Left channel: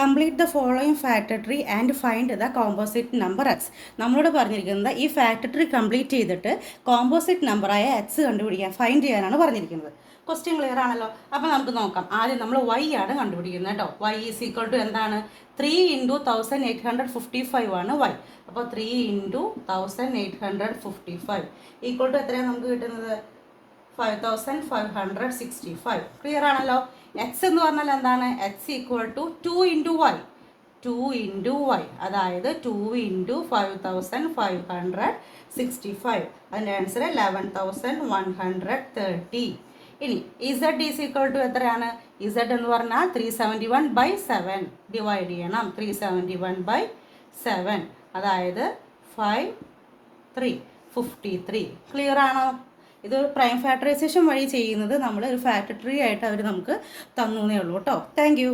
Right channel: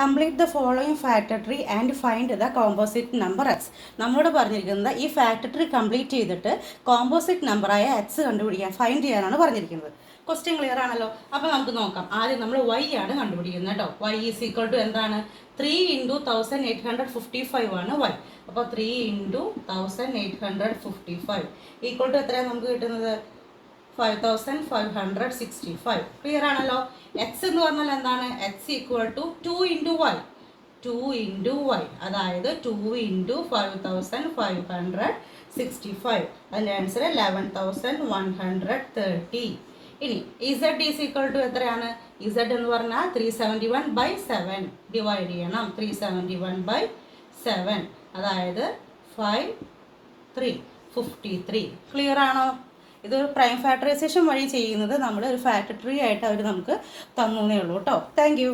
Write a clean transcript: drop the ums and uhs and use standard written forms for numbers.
Complete the following factor tree and find the composite number X. നമ്മളോട് പറഞ്ഞിരിക്കുന്നത് ഈ factor tree complete ചെയ്തിട്ട് composite നമ്പറായ എക്സ് കണ്ടുപിടിക്കാൻ ഫൈൻഡ് ചെയ്യാനാണ് പറഞ്ഞിരിക്കുന്നത്. ക്വസ്റ്റ്യൻ ക്ലിയർ ആണല്ലോ. അപ്പോൾ നമുക്ക് നോക്കാം. ആദ്യം നമ്മൾ y ആണ് കണ്ടുപിടിക്കുന്നത് കേട്ടോ. y ഈസ് ഈക്വൽ ടു എന്താണ്? 3 × 1855 ആണ് y. അപ്പോൾ 3 × 1855 ഈക്വൽ ടു എത്രയാണ് നമുക്ക് കിട്ടുന്നത്? 5565. ക്ലിയർ ആണല്ലോ. എക്സ് എന്ന് പറഞ്ഞാൽ എന്താണ്? X equal to 2 × y. 2 × y അതായത് 2 × 5565. അതിൻ്റെ ആൻസർ 11130. ഇനി ഇസഡ് ഈസ് ഈക്വൽ ടു എത്രയാണ്? ഇസഡ് എന്ന് പറഞ്ഞാൽ 371/7 ഡിവൈഡ് ചെയ്യണം. 371/7 അതായത് 53. ക്ലിയർ ആണോ? ഇതൊരു പ്രൈം ഫാക്ടറൈസേഷൻ വഴി ചെയ്യുന്നത് നമ്മൾ ഒരു ഫാക്ടർ ട്രീ ആയിട്ട് അവർ നമുക്ക് തന്നേ ഉള്ളൂ കേട്ടോ. Thank you.